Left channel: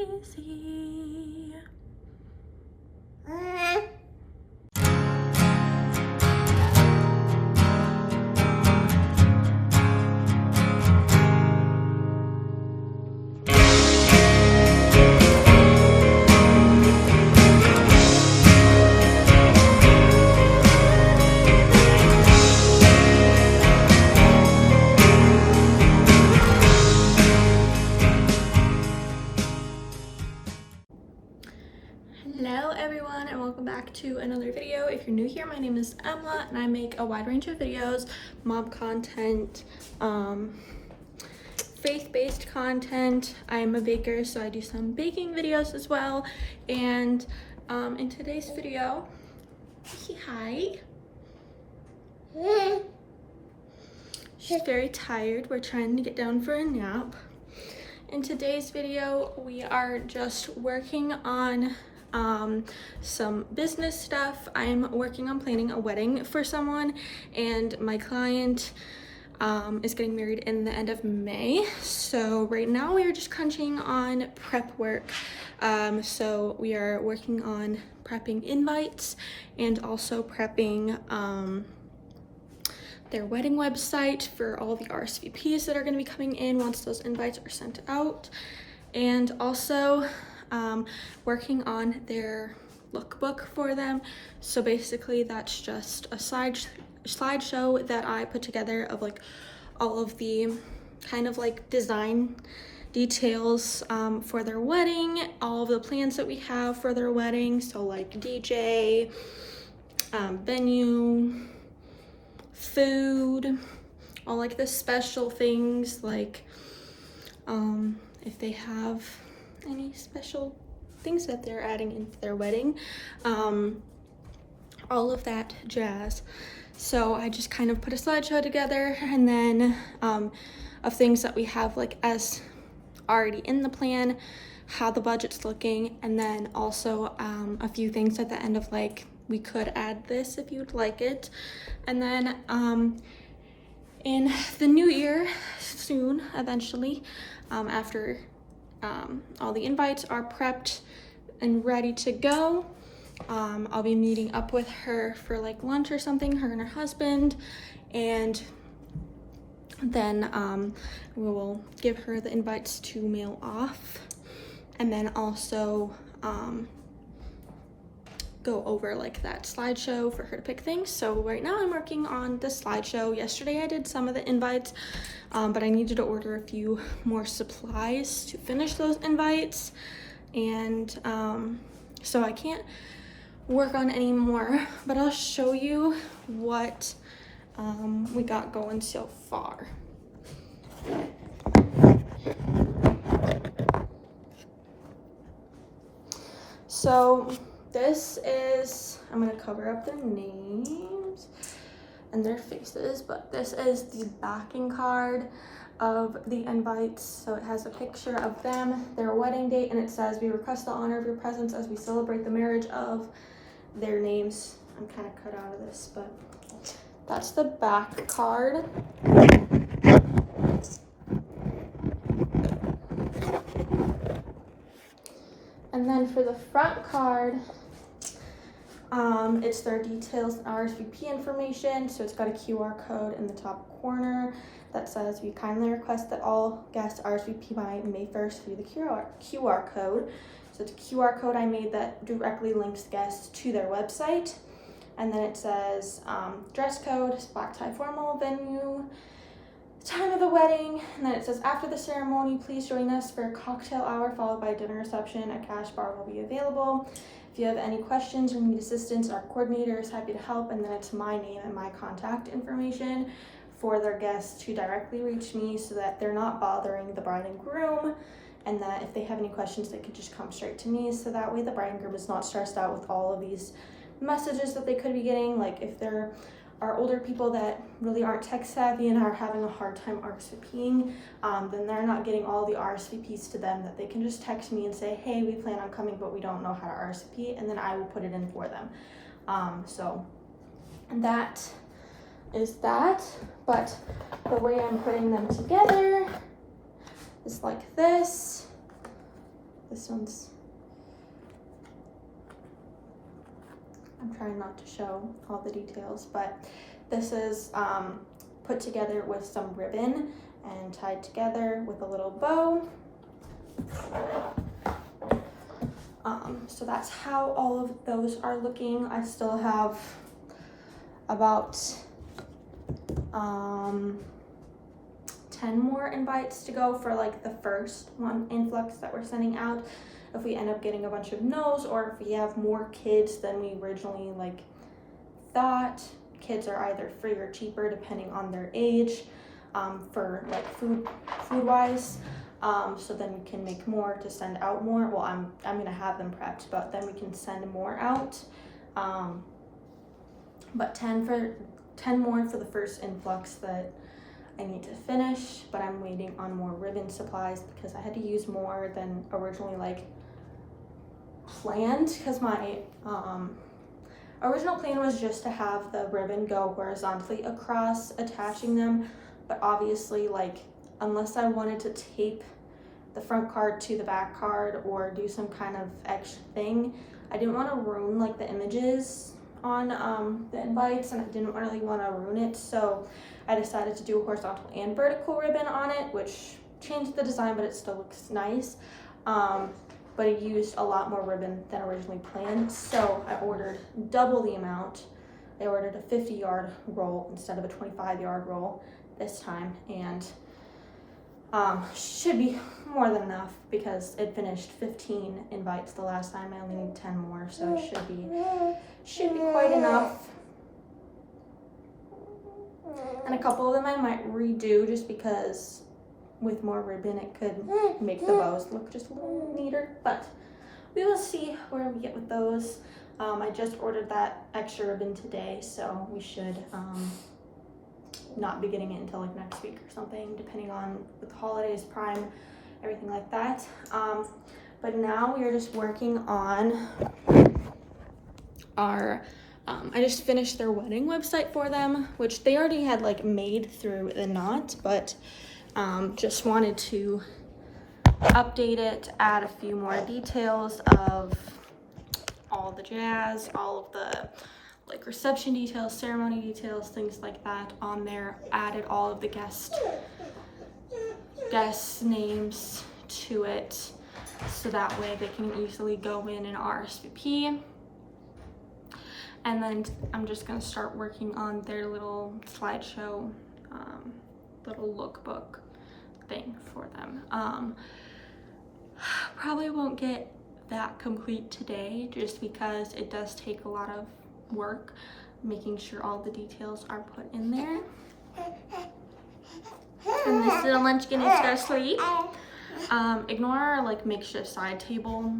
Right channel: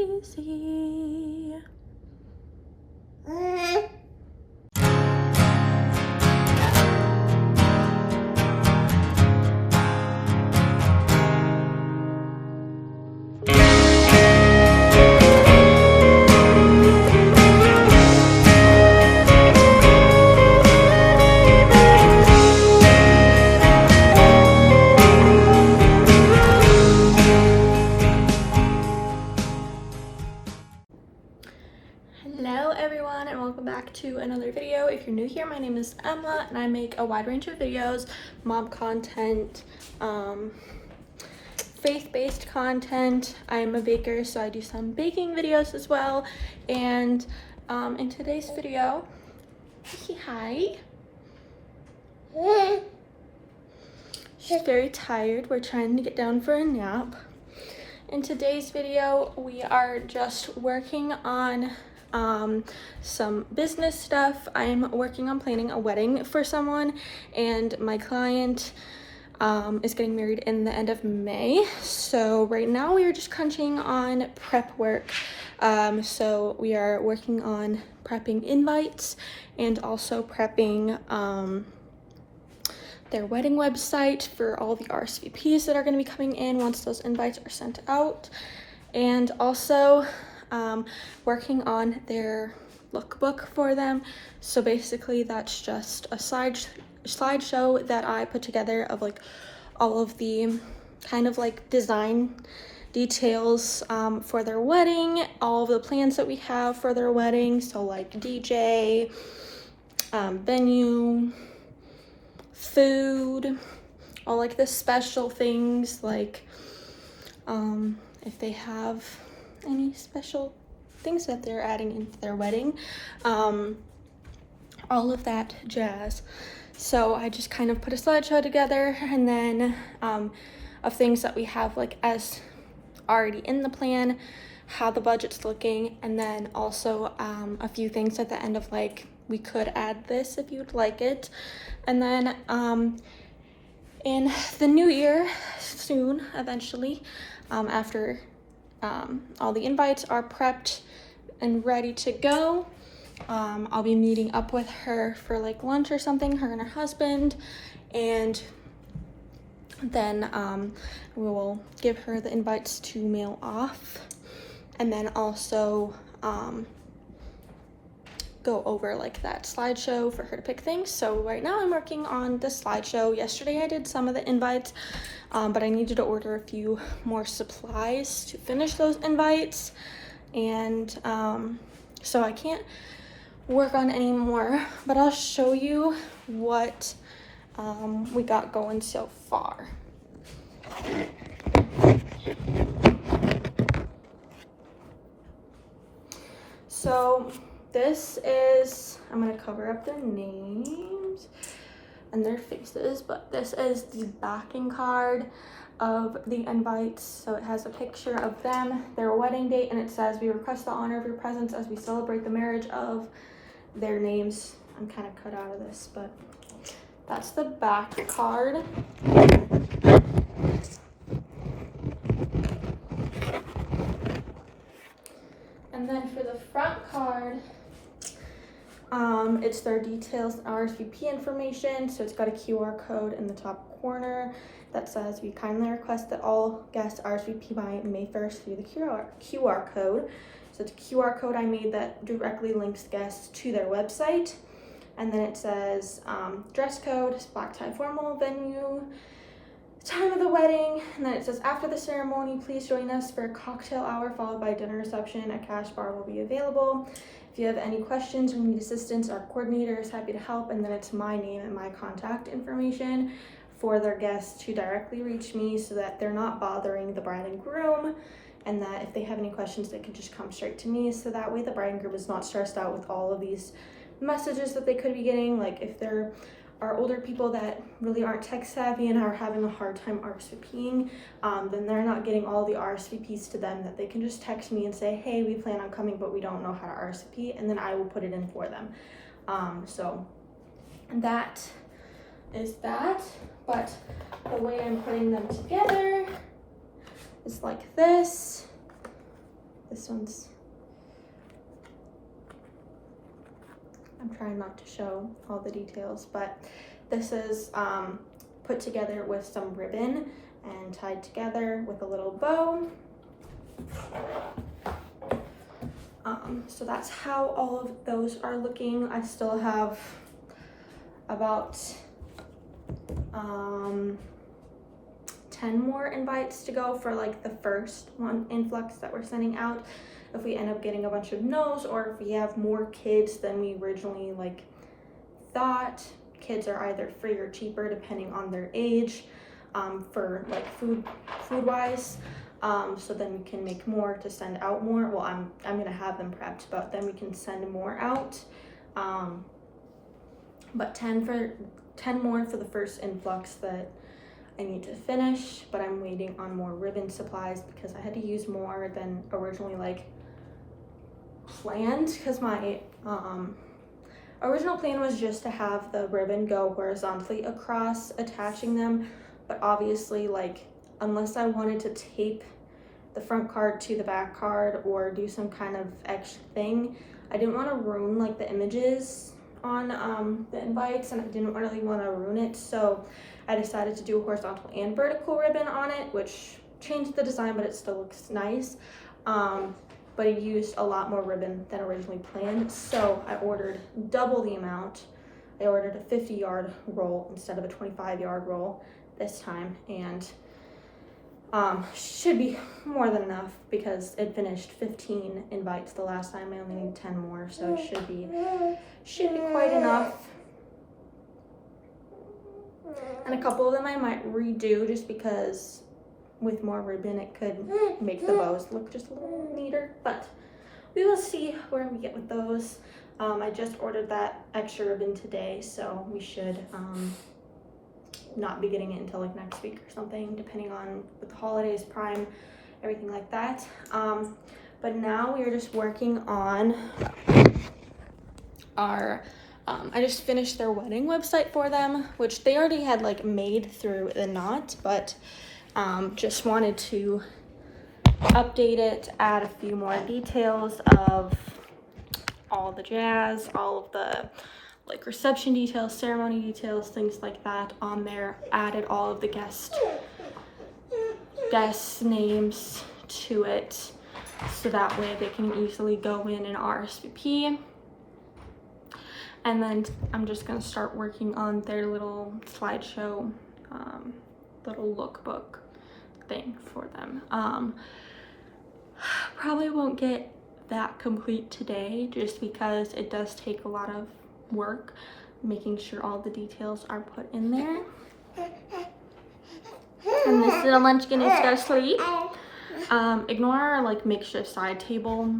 crazy. Hello everyone and welcome back to another video. If you're new here, my name is Emma and I make a wide range of videos, mom content, faith-based content. I'm a baker, so I do some baking videos as well. And in today's video, hi. She's very tired. We're trying to get down for a nap. In today's video, we are just working on some business stuff. I'm working on planning a wedding for someone, and my client is getting married in the end of May. So right now we are just crunching on prep work. So we are working on prepping invites and also prepping their wedding website for all the RSVPs that are going to be coming in once those invites are sent out, and also working on their lookbook for them. So basically that's just a slideshow that I put together of like all of the kind of like design details for their wedding, all of the plans that we have for their wedding, so like DJ, venue, food, all like the special things, like if they have any special things that they're adding into their wedding, all of that jazz. So I just kind of put a slideshow together, and then of things that we have like as already in the plan, how the budget's looking, and then also a few things at the end of like, we could add this if you'd like it. And then in the new year, soon, eventually, after all the invites are prepped and ready to go, I'll be meeting up with her for like lunch or something, her and her husband, and then we will give her the invites to mail off, and then also go over like that slideshow for her to pick things. So right now I'm working on the slideshow. Yesterday I did some of the invites, but I needed to order a few more supplies to finish those invites, and so I can't work on any more, but I'll show you what we got going so far. So this is, I'm gonna cover up their names and their faces, but this is the backing card of the invites. So it has a picture of them, their wedding date, and it says, "We request the honor of your presence as we celebrate the marriage of," their names. I'm kind of cut out of this, but that's the back card. And then for the front card, it's their details and RSVP information. So it's got a QR code in the top corner that says, "We kindly request that all guests RSVP by May 1st via the QR code." So it's a QR code I made that directly links guests to their website. And then it says dress code, black tie formal, venue, time of the wedding, and then it says, "After the ceremony, please join us for a cocktail hour followed by a dinner reception. A cash bar will be available. If you have any questions or need assistance, our coordinator is happy to help." And then it's my name and my contact information for their guests to directly reach me, so that they're not bothering the bride and groom, and that if they have any questions, they can just come straight to me. So that way the bride and groom is not stressed out with all of these messages that they could be getting. Like if there are older people that really aren't tech savvy and are having a hard time RSVPing, then they're not getting all the RSVPs to them, that they can just text me and say, "Hey, we plan on coming, but we don't know how to RSVP," and then I will put it in for them. So that is that, but the way I'm putting them together is like this. This one's, I'm trying not to show all the details, but this is put together with some ribbon and tied together with a little bow. So that's how all of those are looking. I still have about 10 more invites to go for like the first one influx that we're sending out. If we end up getting a bunch of no's, or if we have more kids than we originally like thought. Kids are either free or cheaper depending on their age, for like food wise. So then we can make more to send out more. Well, I'm gonna have them prepped, but then we can send more out. But 10 more for the first influx that I need to finish, but I'm waiting on more ribbon supplies because I had to use more than originally like planned, because my original plan was just to have the ribbon go horizontally across, attaching them, but obviously, like, unless I wanted to tape the front card to the back card or do some kind of extra thing, I didn't want to ruin like the images on the invites, and I didn't really want to ruin it, so I decided to do a horizontal and vertical ribbon on it, which changed the design, but it still looks nice. But I used a lot more ribbon than originally planned, so I ordered double the amount. I ordered a 50-yard roll instead of a 25-yard roll this time, and should be more than enough because it finished 15 invites the last time. I only need 10 more, so it should be quite enough. And a couple of them I might redo just because with more ribbon it could make the bows look just a little neater, but we will see where we get with those. I just ordered that extra ribbon today, so we should not be getting it until like next week or something, depending on with the holidays, Prime, everything like that. But now we are just working on our I just finished their wedding website for them, which they already had like made through the knot, but just wanted to update it, add a few more details of all the jazz, all of the like reception details, ceremony details, things like that on there. Added all of the guest names to it, so that way they can easily go in and RSVP. And then I'm just gonna start working on their little slideshow, little lookbook thing for them. Probably won't get that complete today just because it does take a lot of work making sure all the details are put in there. And this little munchkin is go to sleep. Ignore our like makeshift side table.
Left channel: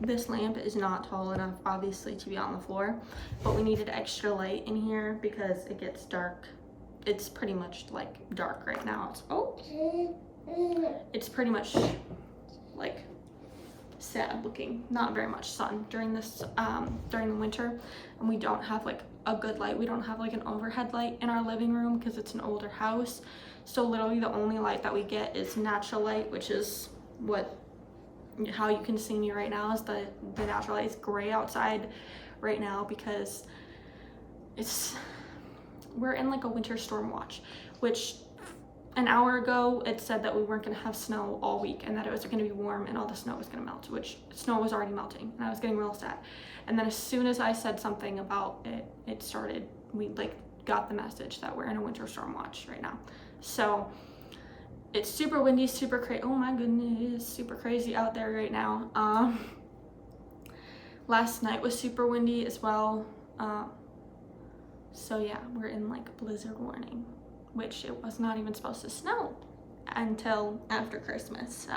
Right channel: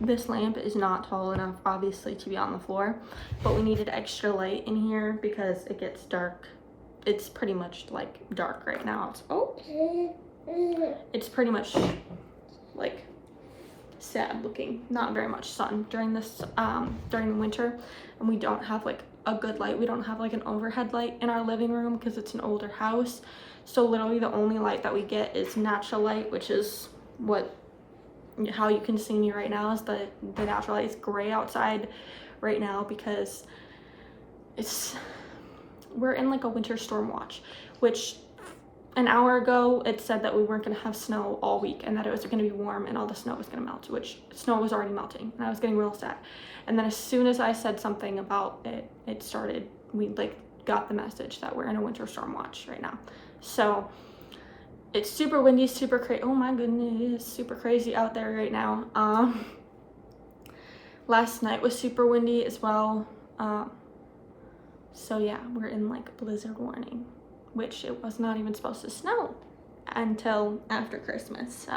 This lamp is not tall enough obviously to be on the floor, but we needed extra light in here because it gets dark. It's pretty much like dark right now. It's pretty much like sad looking, not very much sun during this during the winter, and we don't have like a good light. We don't have like an overhead light in our living room because it's an older house, so literally the only light that we get is natural light, which is how you can see me right now is the natural light. Is gray outside right now because we're in like a winter storm watch, which an hour ago it said that we weren't going to have snow all week and that it was going to be warm and all the snow was going to melt, which snow was already melting, and I was getting real sad. And then as soon as I said something about it started, we like got the message that we're in a winter storm watch right now. So it's super windy, super crazy. Oh my goodness, super crazy out there right now. Last night was super windy as well. So yeah, we're in like blizzard warning, which it was not even supposed to snow until after Christmas. So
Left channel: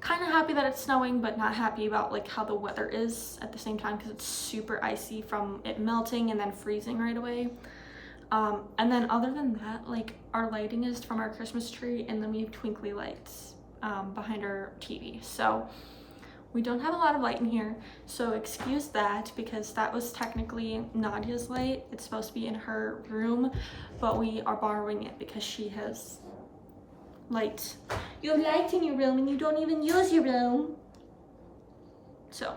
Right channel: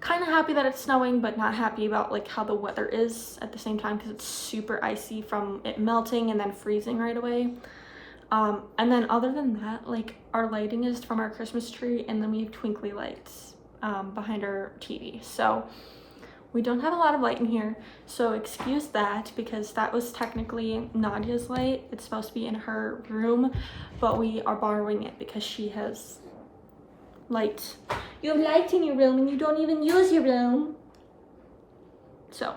kind of happy that it's snowing, but not happy about like how the weather is at the same time because it's super icy from it melting and then freezing right away. And then other than that, like our lighting is from our Christmas tree, and then we have twinkly lights behind our TV. So we don't have a lot of light in here, so excuse that because that was technically Nadia's light. It's supposed to be in her room, but we are borrowing it because she has light You have lights in your room and you don't even use your room. So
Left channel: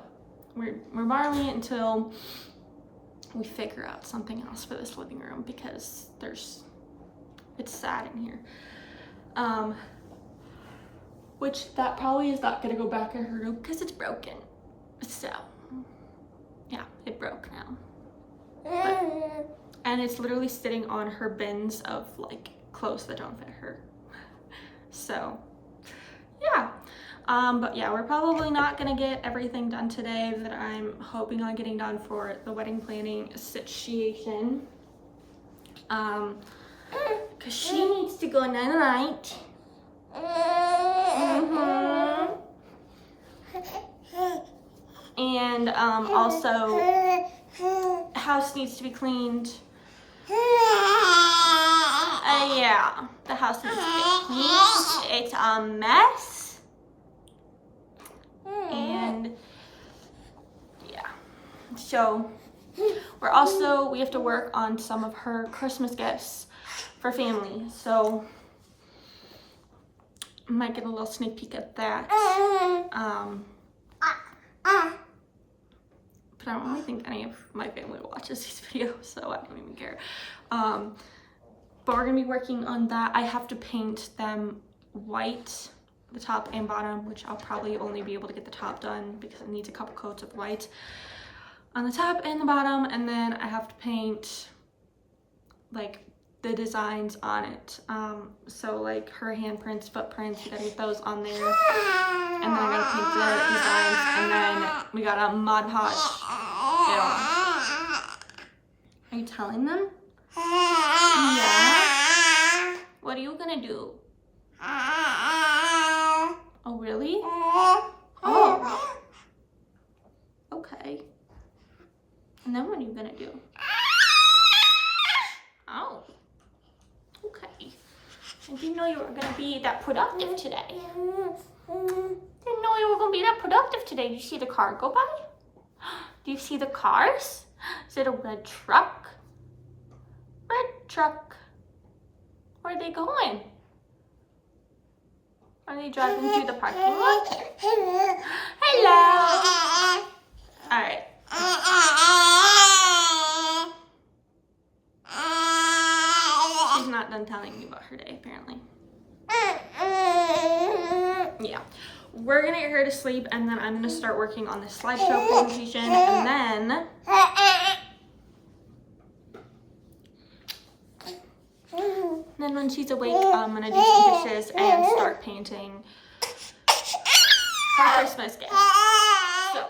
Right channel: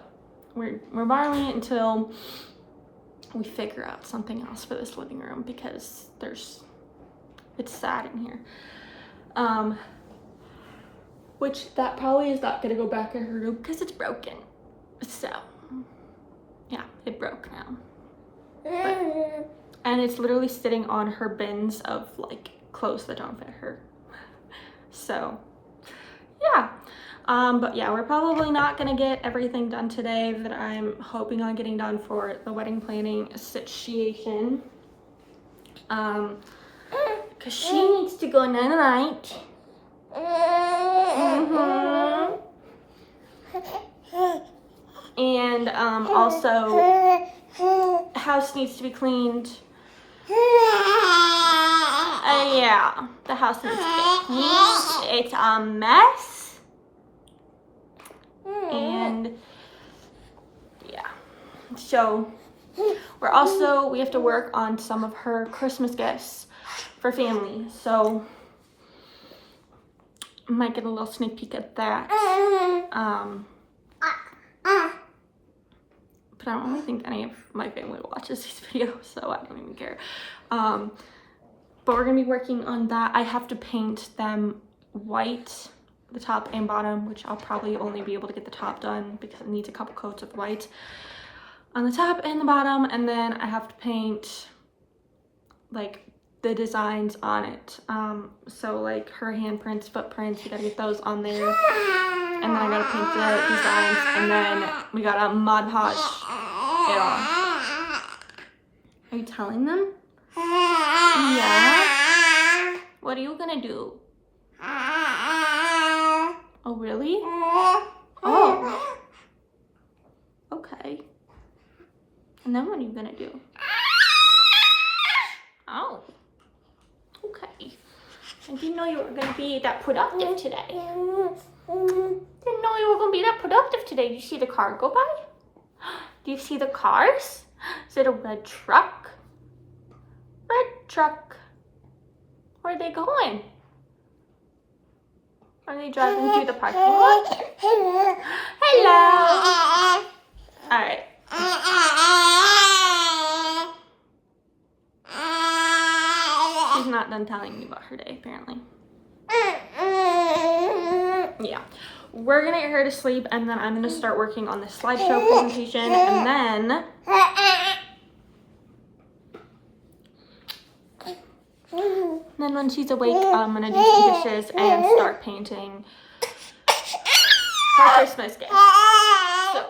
we're borrowing it until we figure out something else for this living room, because it's sad in here. Which that probably is not gonna go back in her room because it's broken. So yeah, it broke now. And it's literally sitting on her bins of like clothes that don't fit her. So yeah. But yeah, we're probably not gonna get everything done today that I'm hoping on getting done for the wedding planning situation. Cause she needs to go night-night. And also house needs to be cleaned. Yeah, the house needs to be cleaned. It's a mess. And yeah, so we have to work on some of her Christmas gifts for family. So I might get a little sneak peek at that. But I don't really think any of my family watches these videos, so I don't even care. But we're gonna be working on that. I have to paint them white, the top and bottom, which I'll probably only be able to get the top done because it needs a couple coats of white on the top and the bottom. And then I have to paint like the designs on it. So like her handprints, footprints, we gotta get those on there. And then I gotta paint the designs, and then we gotta Mod Podge it on. Are you telling them? Yeah. What are you gonna do? Oh, really? Oh. Okay. And then what are you gonna do? Oh. Okay. I didn't know you were gonna be that productive today. Didn't know you were gonna be that productive today. Did you see the car go by? Do you see the cars? Is it a red truck? Red truck. Where are they going? Are they driving through the parking lot? Hello. All right. She's not done telling me about her day, apparently. Yeah. We're gonna get her to sleep, and then I'm gonna start working on the slideshow presentation, and then when she's awake, I'm gonna do some dishes and start painting her Christmas gift. So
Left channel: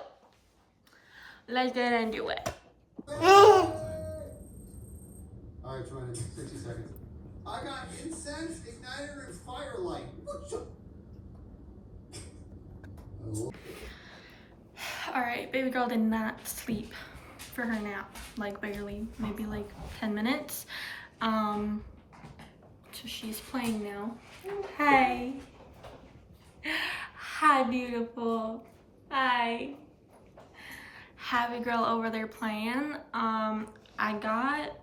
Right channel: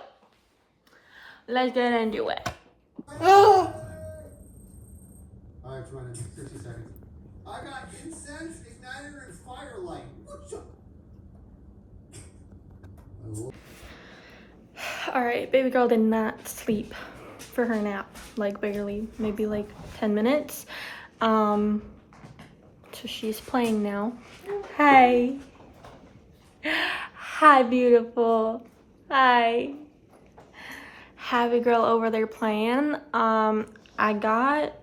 let's get into it. Alright, 60 seconds. I got incense, igniter, and firelight. All right, baby girl did not sleep for her nap, like barely, maybe like 10 minutes. So she's playing now. Hi. Hi, beautiful. Hi. Happy girl over there playing. I got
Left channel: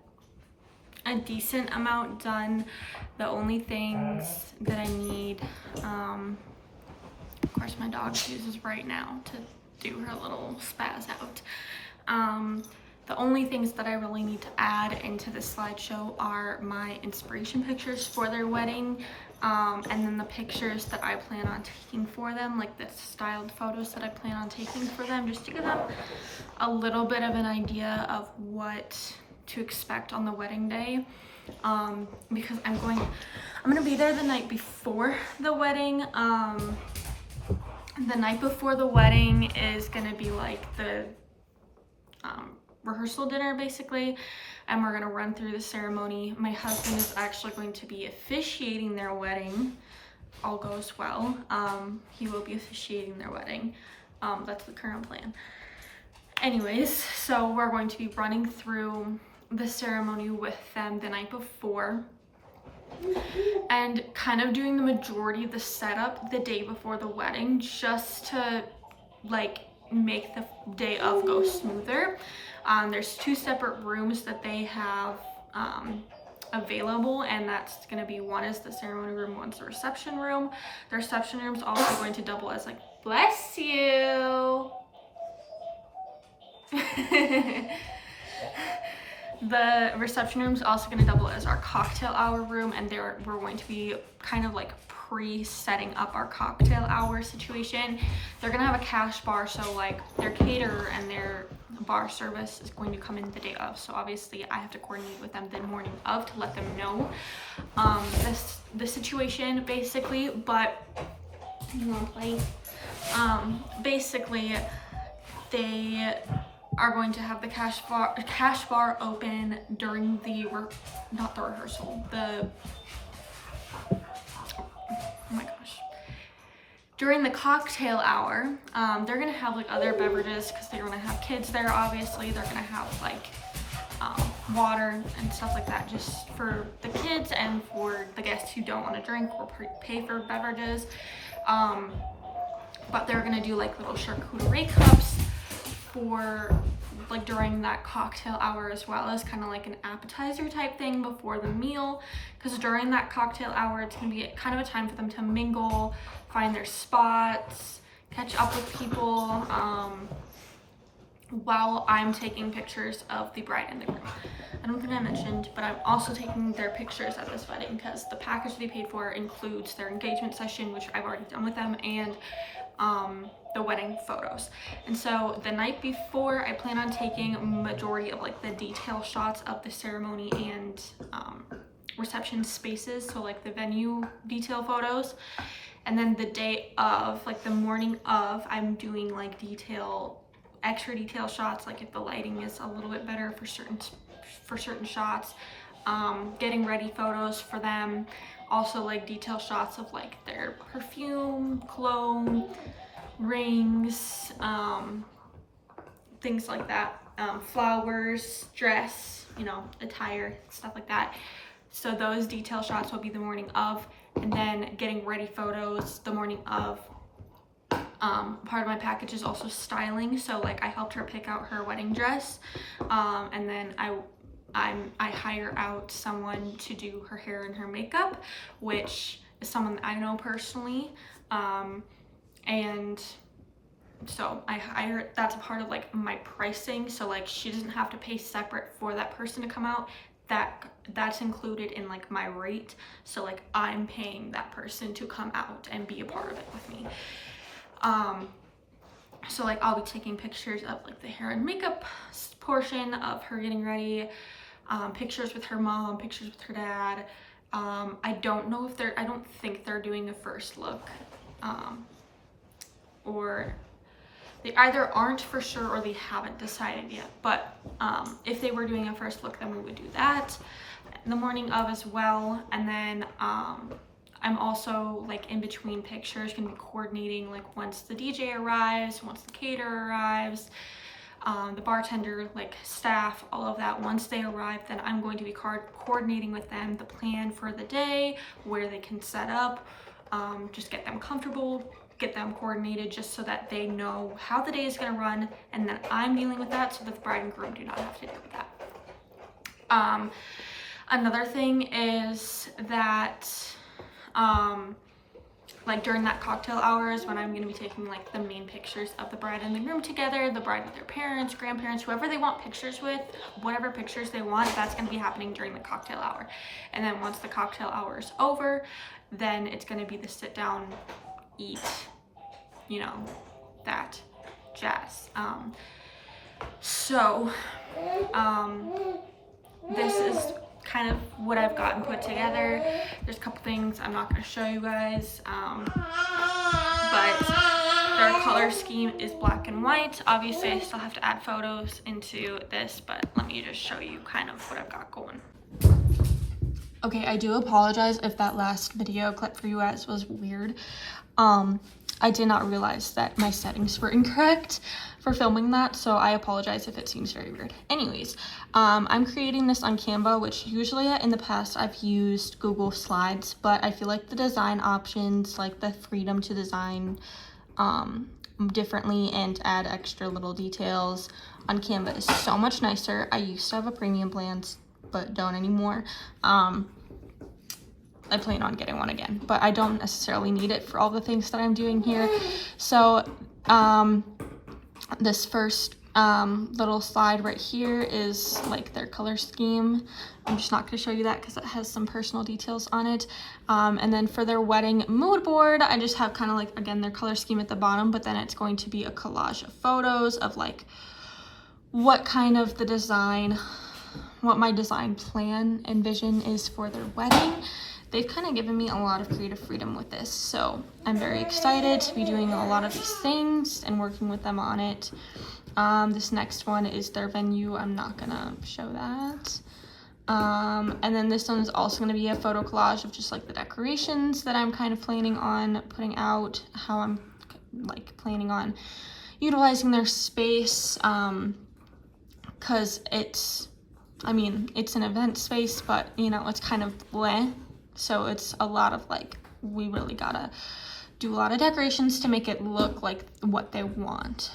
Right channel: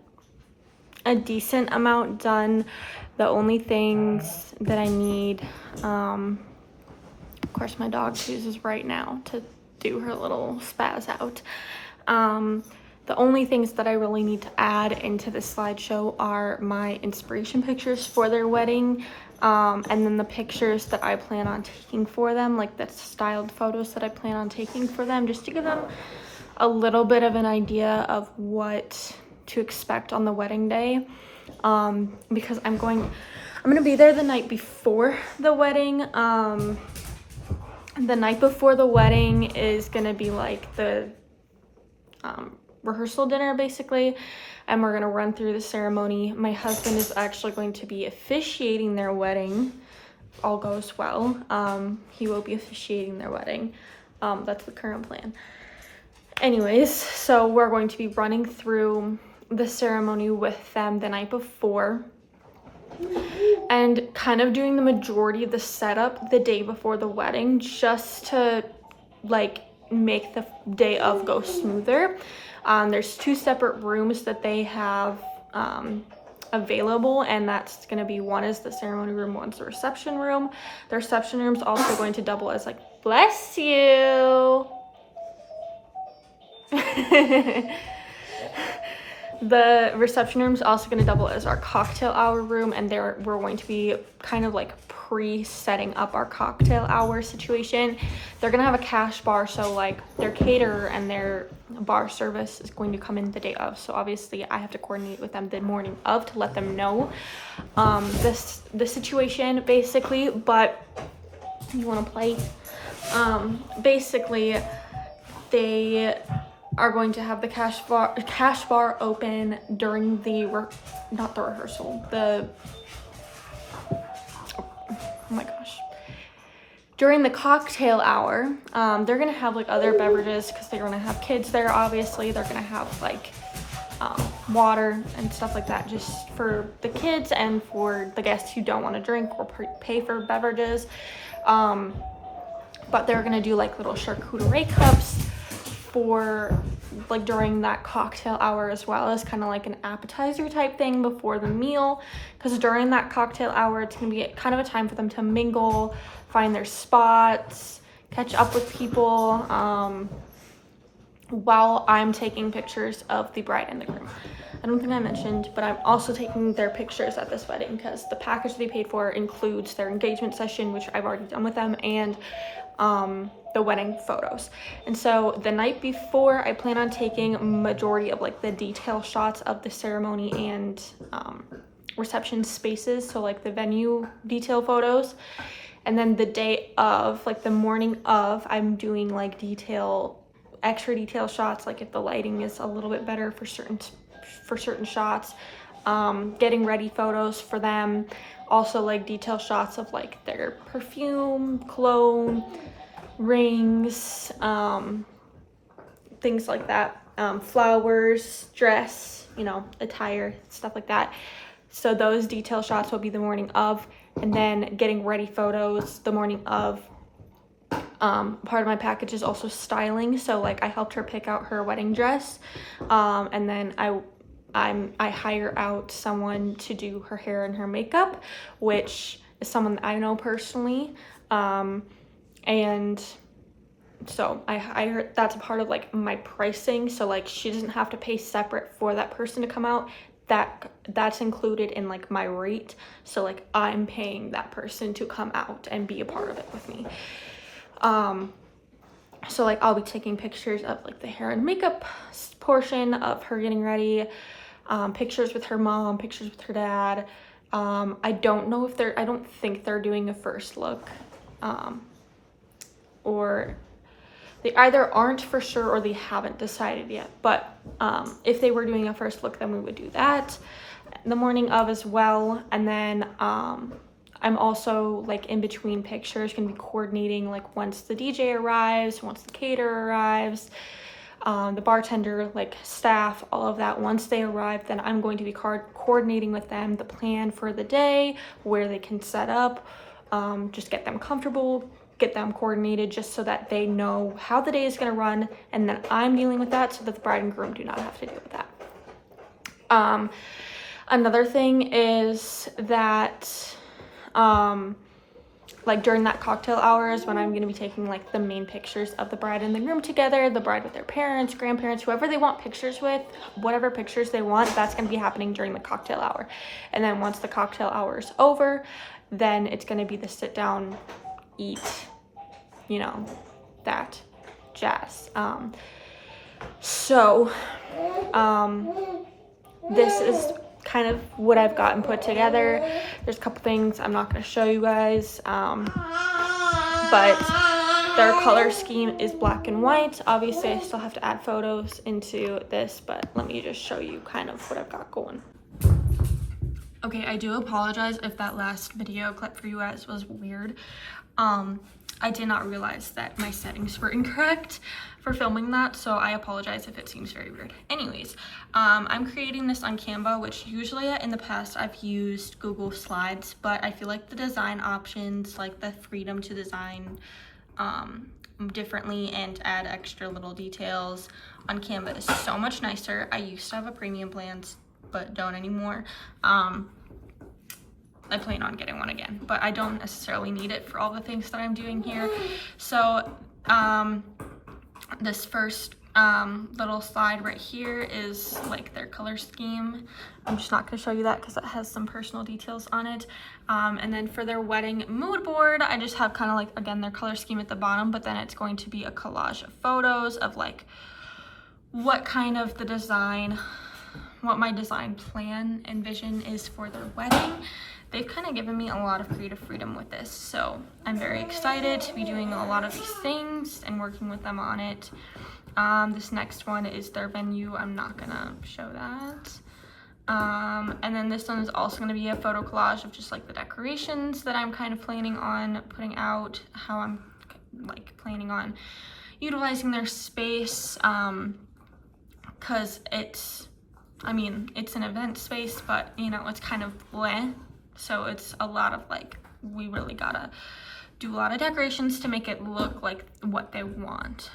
a decent amount done. The only things that I need, of course my dog chooses right now to do her little spaz out. The only things that I really need to add into the slideshow are my inspiration pictures for their wedding, and then the pictures that I plan on taking for them, like the styled photos that I plan on taking for them, just to give them a little bit of an idea of what to expect on the wedding day. Because I'm gonna be there the night before the wedding. The night before the wedding is gonna be like the rehearsal dinner, basically, and we're gonna run through the ceremony. My husband is actually going to be officiating their wedding. All goes well. He will be officiating their wedding. That's the current plan. Anyways, so we're going to be running through the ceremony with them the night before, and kind of doing the majority of the setup the day before the wedding, just to like make the day of go smoother. There's 2 separate rooms that they have available, and that's going to be, one is the ceremony room, one's the reception room. The reception room's also going to double as like, bless you. The reception room is also going to double as our cocktail hour room, and we're going to be kind of like pre-setting up our cocktail hour situation. They're going to have a cash bar, so like their caterer and their bar service is going to come in the day of, so obviously I have to coordinate with them the morning of to let them know the situation basically. But you want to play? Basically they are going to have the cash bar open during the during the cocktail hour. They're gonna have like other beverages because they're gonna have kids there. Obviously they're gonna have like water and stuff like that, just for the kids and for the guests who don't want to drink or pay for beverages. But they're gonna do like little charcuterie cups for like during that cocktail hour, as well as kind of like an appetizer type thing before the meal, because during that cocktail hour it's gonna be kind of a time for them to mingle, find their spots, catch up with people, while I'm taking pictures of the bride and the groom. I don't think I mentioned, but I'm also taking their pictures at this wedding because the package they paid for includes their engagement session, which I've already done with them, and the wedding photos. And so the night before, I plan on taking majority of like the detail shots of the ceremony and reception spaces, so like the venue detail photos. And then the day of, like the morning of, I'm doing like extra detail shots, like if the lighting is a little bit better for certain shots, getting ready photos for them. Also like detail shots of like their perfume, cologne, rings, things like that, flowers, dress, attire, stuff like that. So those detail shots will be the morning of, and then getting ready photos the morning of. Part of my package is also styling, so like I helped her pick out her wedding dress, and then I hire out someone to do her hair and her makeup, which is someone that I know personally, and so I hire, that's a part of like my pricing, so like she doesn't have to pay separate for that person to come out. That's included in like my rate, so like I'm paying that person to come out and be a part of it with me. So like I'll be taking pictures of like the hair and makeup portion of her getting ready, pictures with her mom, pictures with her dad. I don't think they're doing a first look, or they either aren't for sure or they haven't decided yet. But if they were doing a first look, then we would do that the morning of as well. And then I'm also like in between pictures gonna be coordinating like once the DJ arrives, once the caterer arrives, the bartender, like staff, all of that. Once they arrive, then I'm going to be coordinating with them the plan for the day, where they can set up, just get them comfortable, get them coordinated, just so that they know how the day is going to run, and then I'm dealing with that so that the bride and groom do not have to deal with that. Another thing is that like during that cocktail hours, when I'm going to be taking like the main pictures of the bride and the groom together, the bride with their parents, grandparents, whoever they want pictures with, whatever pictures they want, that's going to be happening during the cocktail hour. And then once the cocktail hour is over, then it's going to be the sit down, eat, that jazz. This is kind of what I've gotten put together. There's a couple things I'm not going to show you guys, but their color scheme is black and white. Obviously I still have to add photos into this, but let me just show you kind of what I've got going. Okay, I do apologize if that last video clip for you guys was weird. I did not realize that my settings were incorrect for filming that, so I apologize if it seems very weird. Anyways, I'm creating this on Canva, which usually in the past I've used Google Slides, but I feel like the design options, like the freedom to design differently and add extra little details on Canva is so much nicer. I used to have a premium plan but don't anymore. I plan on getting one again, but I don't necessarily need it for all the things that I'm doing here. So this first little slide right here is like their color scheme. I'm just not going to show you that because it has some personal details on it. And then for their wedding mood board, I just have kind of like, again, their color scheme at the bottom, but then it's going to be a collage of photos of like what kind of the design, what my design plan and vision is for their wedding. They've kind of given me a lot of creative freedom with this, so I'm very excited to be doing a lot of these things and working with them on it. This next one is their venue. I'm not gonna show that. And then this one is also gonna be a photo collage of just like the decorations that I'm kind of planning on putting out, how I'm like planning on utilizing their space, because it's an event space, but you know, it's kind of bleh. So it's a lot of like, we really gotta do a lot of decorations to make it look like what they want.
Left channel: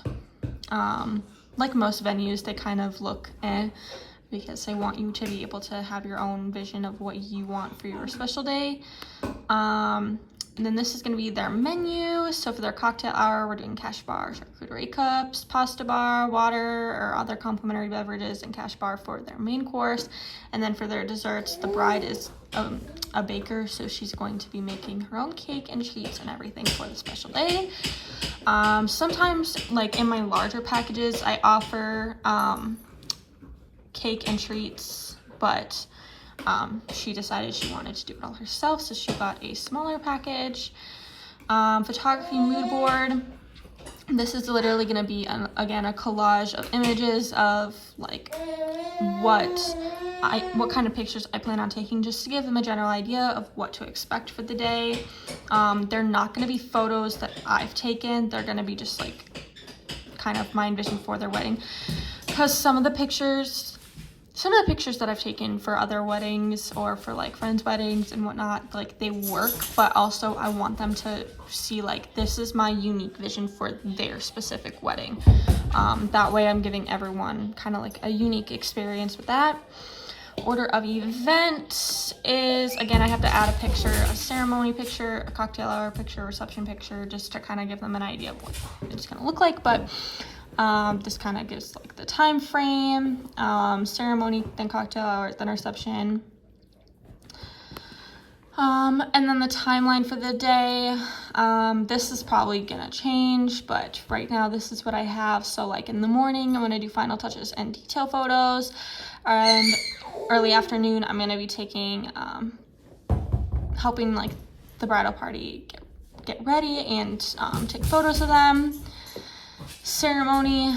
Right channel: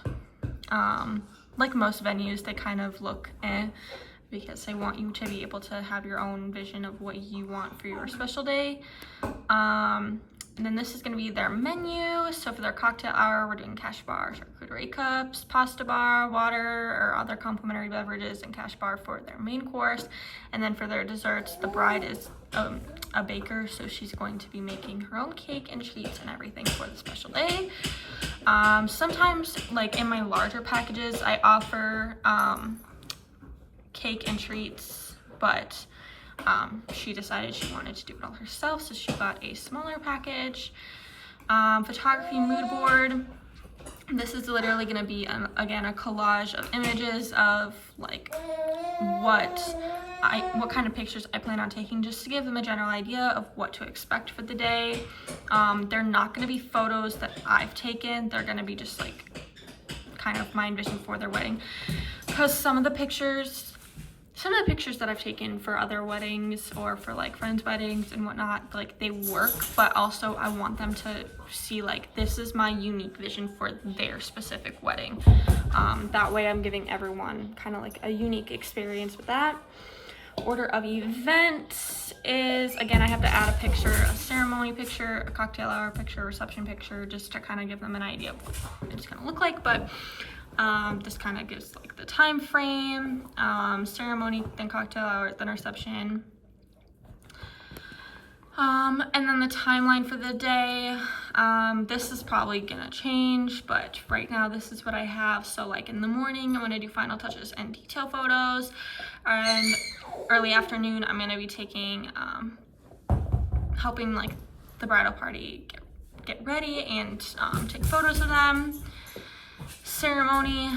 Like most venues, they kind of look because they want you to be able to have your own vision of what you want for your special day. And then this is going to be their menu. So for their cocktail hour, we're doing cash bar, charcuterie cups, pasta bar, water, or other complimentary beverages, and cash bar for their main course. And then for their desserts, the bride is a baker, so she's going to be making her own cake and treats and everything for the special day. Sometimes, like in my larger packages, I offer cake and treats, but she decided she wanted to do it all herself, so she got a smaller package. Photography mood board. This is literally going to be, again, a collage of images of like what kind of pictures I plan on taking, just to give them a general idea of what to expect for the day. They're not going to be photos that I've taken. They're going to be just like kind of my envision for their wedding, because some of the pictures that I've taken for other weddings or for like friends' weddings and whatnot, like they work, but also I want them to see like, this is my unique vision for their specific wedding. That way I'm giving everyone kind of like a unique experience with that. Order of event is, again, I have to add a picture, a ceremony picture, a cocktail hour picture, reception picture, just to kind of give them an idea of what it's going to look like. But this kind of gives like the time frame, ceremony, then cocktail hour, then reception. And then the timeline for the day. This is probably gonna change, but right now this is what I have. So like in the morning, I'm gonna do final touches and detail photos, and early afternoon, I'm gonna be taking, helping like the bridal party get ready and take photos of them. Ceremony,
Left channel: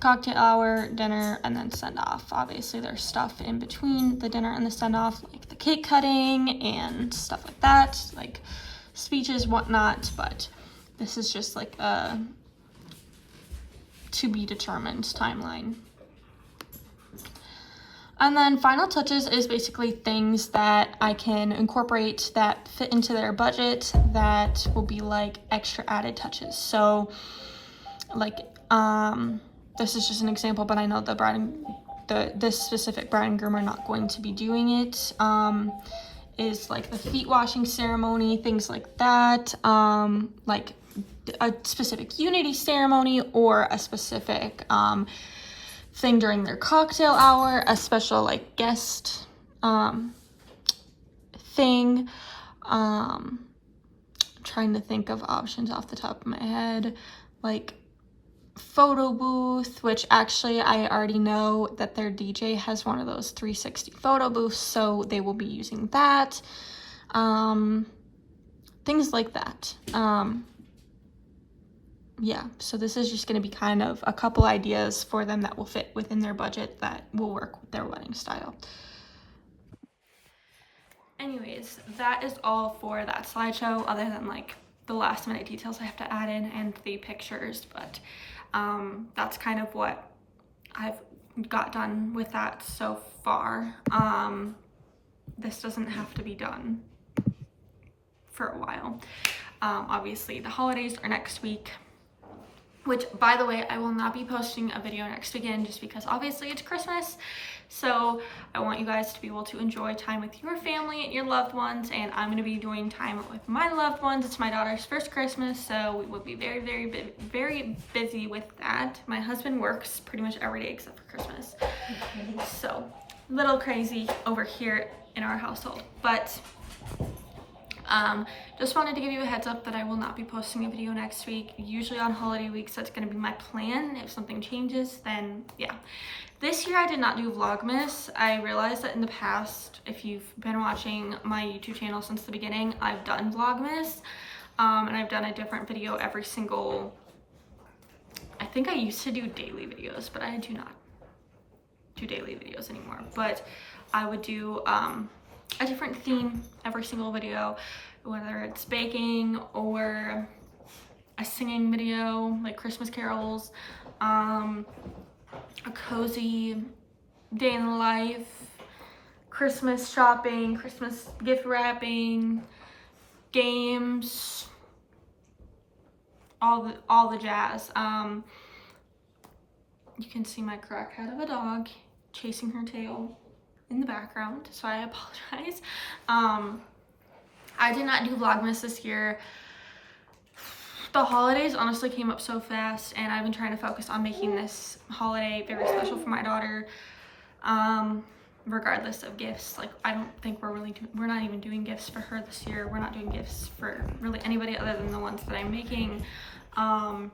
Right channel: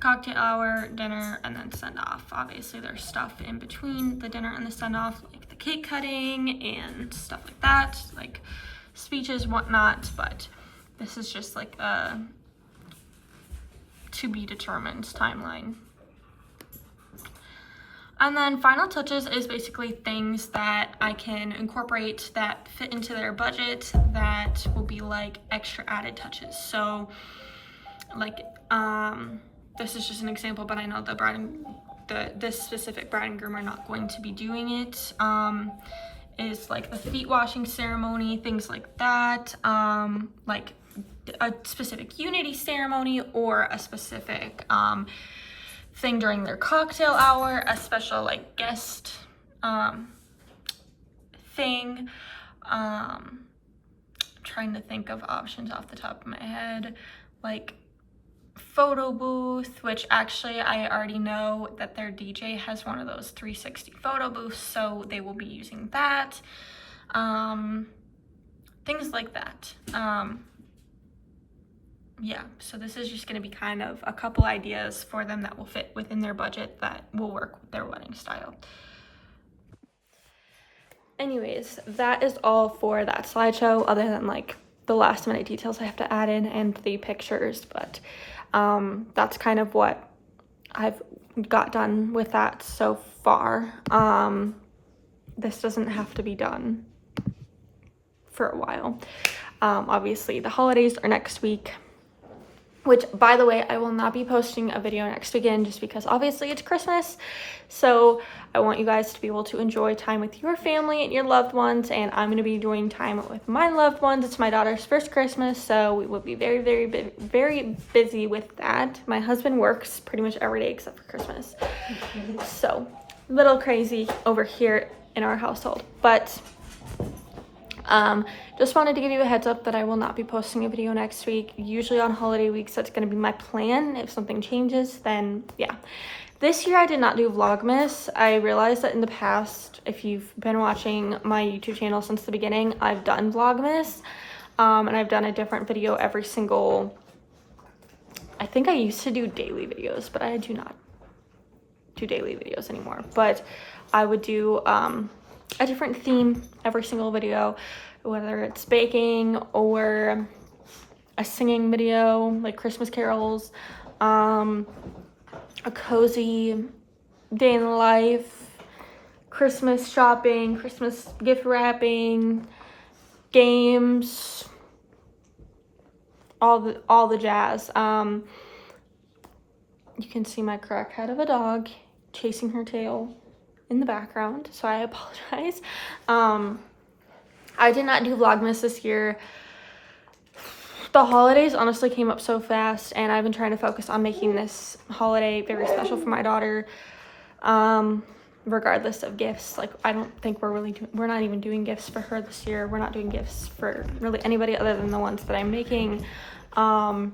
cocktail hour, dinner, and then send off. Obviously there's stuff in between the dinner and the send off, like the cake cutting and stuff like that, like speeches, whatnot, but this is just like a to be determined timeline. And then final touches is basically things that I can incorporate that fit into their budget that will be like extra added touches. So like, this is just an example, but I know the bride and this specific bride and groom are not going to be doing it. Is like the feet washing ceremony, things like that, like a specific unity ceremony or a specific thing during their cocktail hour, a special like guest thing. Trying to think of options off the top of my head, like photo booth, which actually I already know that their DJ has one of those 360 photo booths, so they will be using that. Things like that. Yeah, so this is just going to be kind of a couple ideas for them that will fit within their budget that will work with their wedding style. Anyways, that is all for that slideshow, other than like the last minute details I have to add in and the pictures, but that's kind of what I've got done with that so far. This doesn't have to be done for a while. Obviously the holidays are next week, which, by the way, I will not be posting a video next weekend just because obviously it's Christmas. So I want you guys to be able to enjoy time with your family and your loved ones, and I'm going to be enjoying time with my loved ones. It's my daughter's first Christmas, so we will be very, very busy with that. My husband works pretty much every day except for Christmas. So a little crazy over here in our household, but just wanted to give you a heads up that I will not be posting a video next week. Usually on holiday weeks, that's going to be my plan. If something changes, then yeah. This year I did not do Vlogmas. I realized that in the past, if you've been watching my YouTube channel since the beginning, I've done Vlogmas, and I've done a different video every single, I think I used to do daily videos, but I do not do daily videos anymore. But I would do a different theme every single video, whether it's baking or a singing video like Christmas carols, a cozy day in the life, Christmas shopping, Christmas gift wrapping, games, all the jazz. You can see my crackhead of a dog chasing her tail in the background, so I apologize. I did not do Vlogmas this year. The holidays honestly came up so fast, and I've been trying to focus on making this holiday very special for my daughter, regardless of gifts. Like, I don't think we're not even doing gifts for her this year. We're not doing gifts for really anybody other than the ones that I'm making. But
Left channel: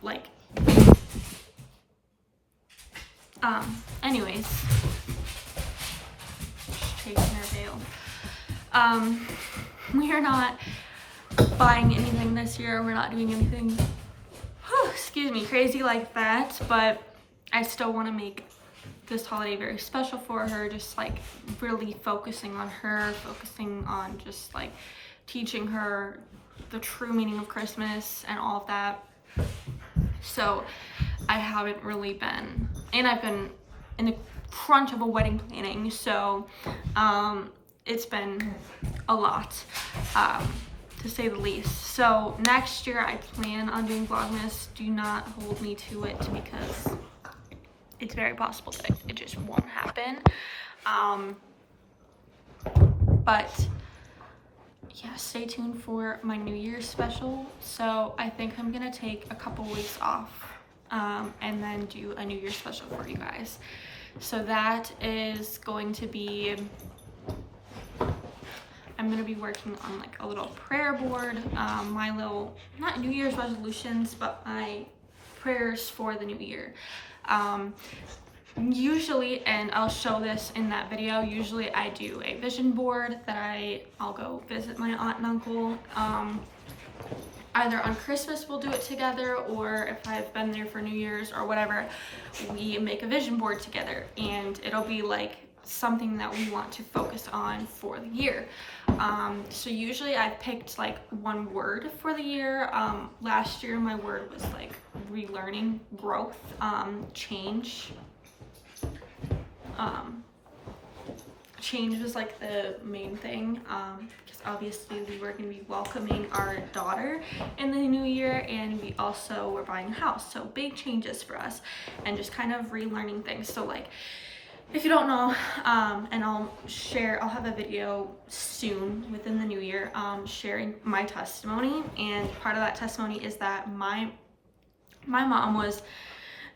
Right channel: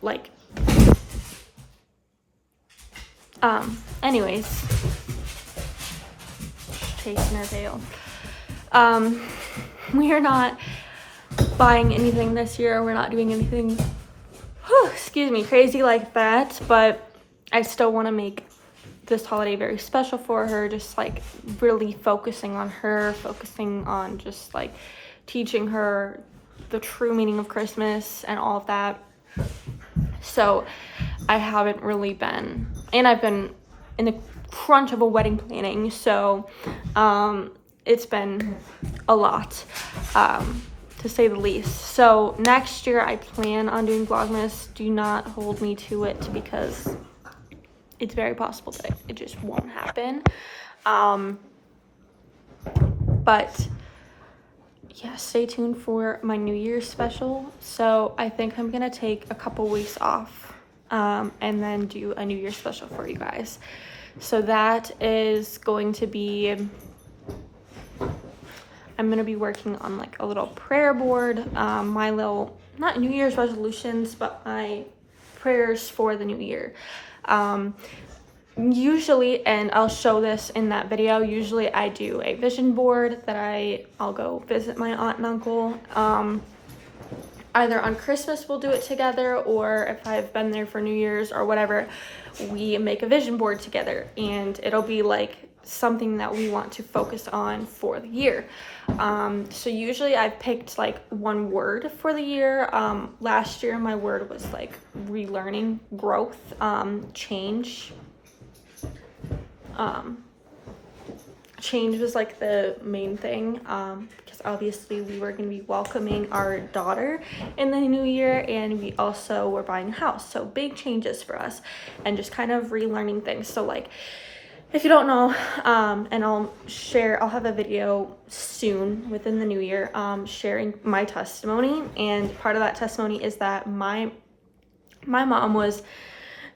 like, anyways, chasing her tail. We are not buying anything this year. We're not doing anything, excuse me, crazy like that, but I still want to make this holiday very special for her, just like really focusing on her, focusing on just like teaching her the true meaning of Christmas and all of that. So I haven't really been, and I've been in the crunch of a wedding planning, so it's been a lot, to say the least. So next year I plan on doing Vlogmas. Do not hold me to it, because it's very possible that it just won't happen. But yeah, stay tuned for my New Year's special. So I think I'm gonna take a couple weeks off, and then do a New Year's special for you guys. So that is going to be, I'm gonna be working on like a little prayer board, my little, not New Year's resolutions, but my prayers for the new year. Usually, and I'll show this in that video, usually I do a vision board that I'll go visit my aunt and uncle. Either on Christmas we'll do it together, or if I've been there for New Year's or whatever, we make a vision board together, and it'll be like something that we want to focus on for the year. So usually I've picked like one word for the year. Last year my word was like relearning, growth, change. Change was like the main thing, because obviously we were going to be welcoming our daughter in the new year, and we also were buying a house, so big changes for us, and just kind of relearning things. So like, if you don't know, and I'll have a video soon within the new year, sharing my testimony, and part of that testimony is that my mom was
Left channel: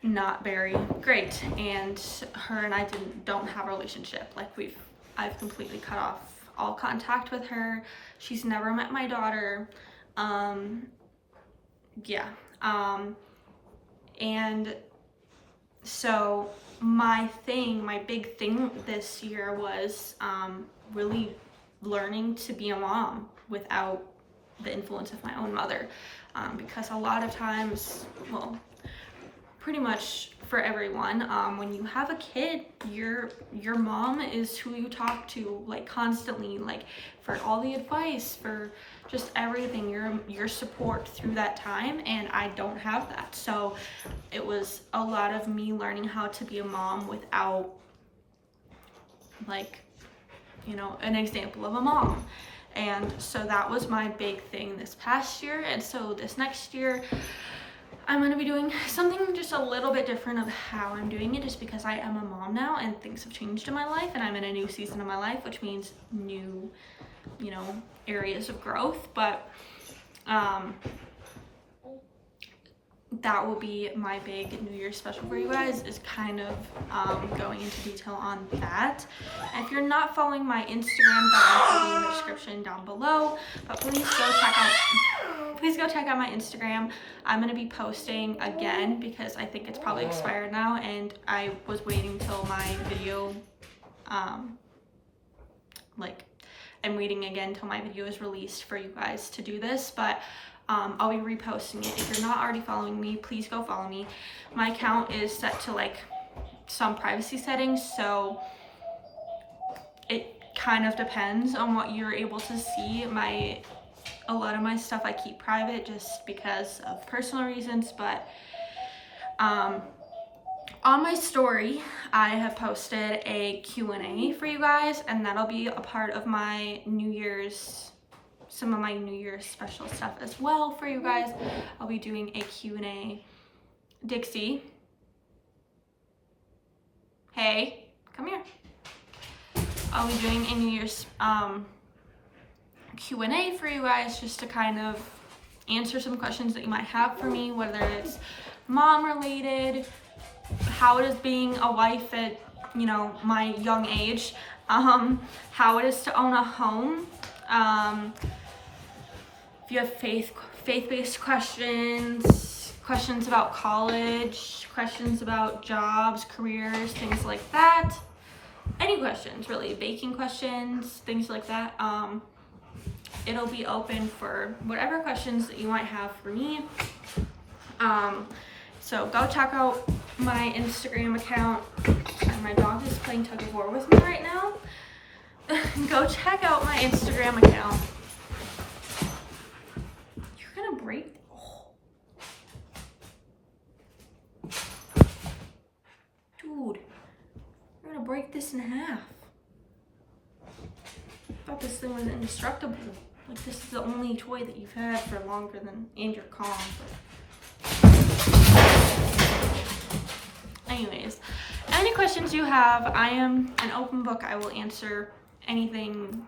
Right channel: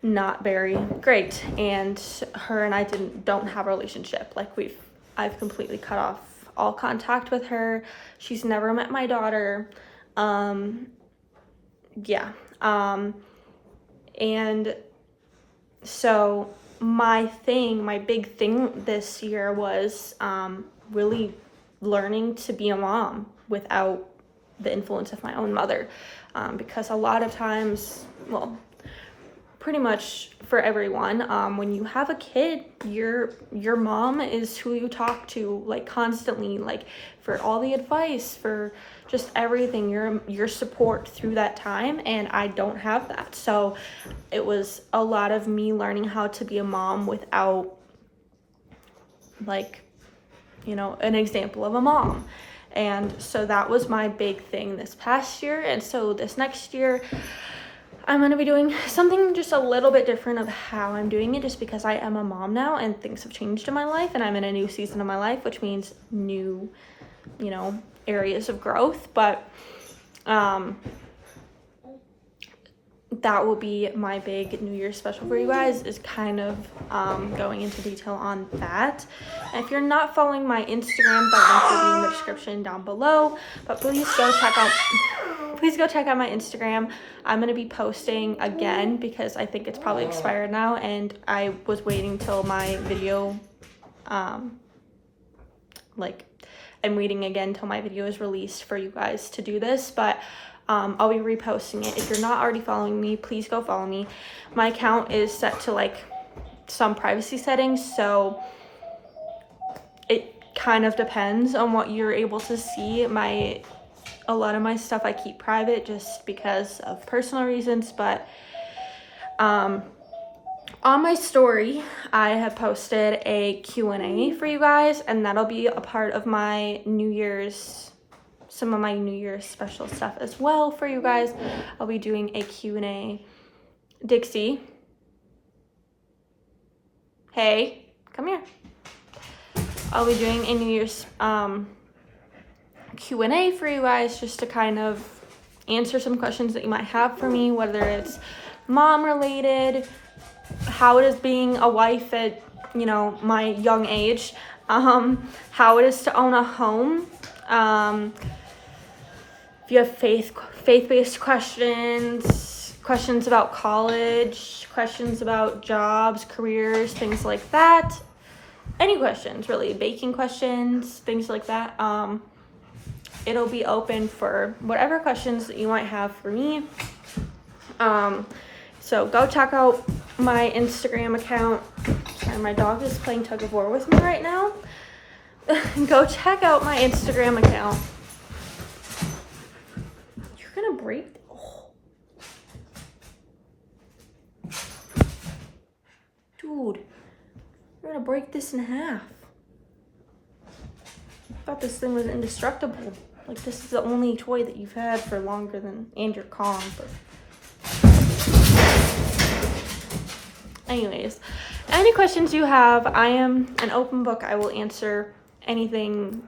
not very great, and her and I don't have a relationship. Like, I've completely cut off all contact with her. She's never met my daughter. And so my big thing this year was really learning to be a mom without the influence of my own mother, because a lot of times, well, pretty much for everyone, when you have a kid, your mom is who you talk to like constantly, like for all the advice, for just everything, your support through that time, and I don't have that. So it was a lot of me learning how to be a mom without, like, you know, an example of a mom. And so that was my big thing this past year. And so this next year, I'm going to be doing something just a little bit different of how I'm doing it, just because I am a mom now and things have changed in my life and I'm in a new season of my life, which means new, you know, areas of growth. But that will be my big New Year's special for you guys, is kind of going into detail on that. And if you're not following my Instagram, that link will be in the description down below. But please go check out my Instagram. I'm gonna be posting again because I think it's probably expired now, and I was waiting till my video I'm waiting again till my video is released for you guys to do this. But I'll be reposting it. If you're not already following me, please go follow me. My account is set to like some privacy settings, so it kind of depends on what you're able to see. A lot of my stuff I keep private just because of personal reasons. But on my story, I have posted a Q&A for you guys, and that'll be a part of my some of my New Year's special stuff as well for you guys. I'll be doing a Q&A. Dixie, hey, come here. I'll be doing a New Year's Q&A for you guys, just to kind of answer some questions that you might have for me, whether it's mom related, how it is being a wife at, you know, my young age, how it is to own a home, if you have faith-based questions about college, questions about jobs, careers, things like that. Any questions, really, baking questions, things like that. It'll be open for whatever questions that you might have for me. So go check out my Instagram account. And my dog is playing tug of war with me right now. Go check out my Instagram account. You're gonna break. Oh. Dude, you're gonna break this in half. I thought this thing was indestructible. Like, this is the only toy that you've had for longer than, and you're calm, but anyways, any questions you have, I am an open book. I will answer anything,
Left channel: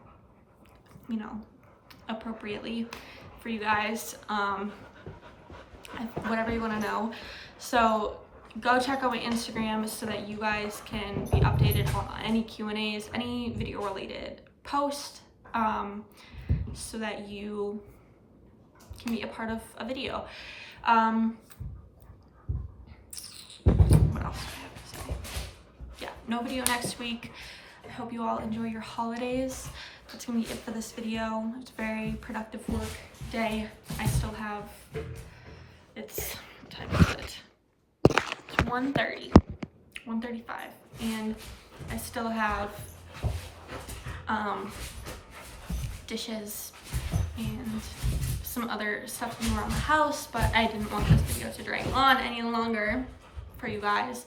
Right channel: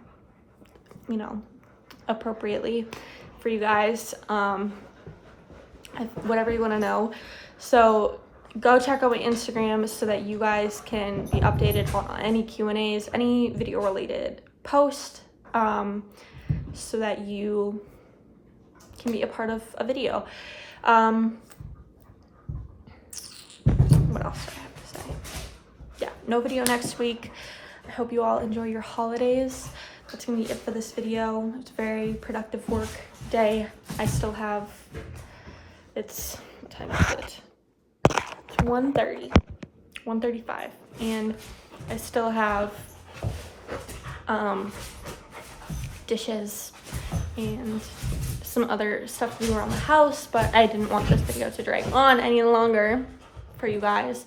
you know, appropriately for you guys, whatever you want to know. So go check out my Instagram so that you guys can be updated on any Q&As, any video related post, so that you can be a part of a video. What else do I have to say? Yeah, no video next week. I hope you all enjoy your holidays. That's gonna be it for this video. It's a very productive work day. I still have, what time is it? It's 1:35, and I still have dishes and some other stuff to do around the house, but I didn't want this video to drag on any longer for you guys.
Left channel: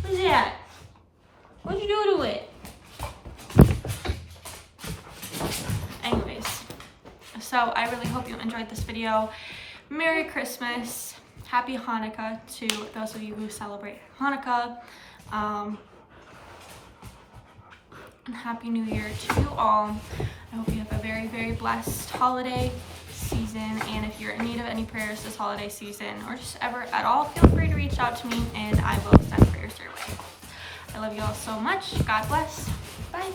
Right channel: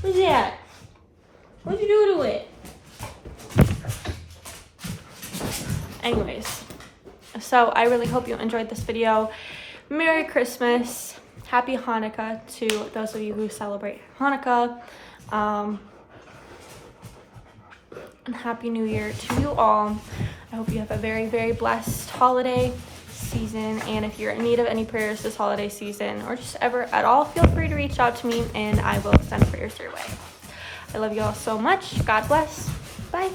What's that? What'd you do to it? Anyways, so I really hope you enjoyed this video. Merry Christmas, Happy Hanukkah to those of you who celebrate Hanukkah, and Happy New Year to you all. I hope you have a very, very blessed holiday season, and if you're in need of any prayers this holiday season, or just ever at all, feel free to reach out to me and I will send prayers your way. I love you all so much. God bless. Bye.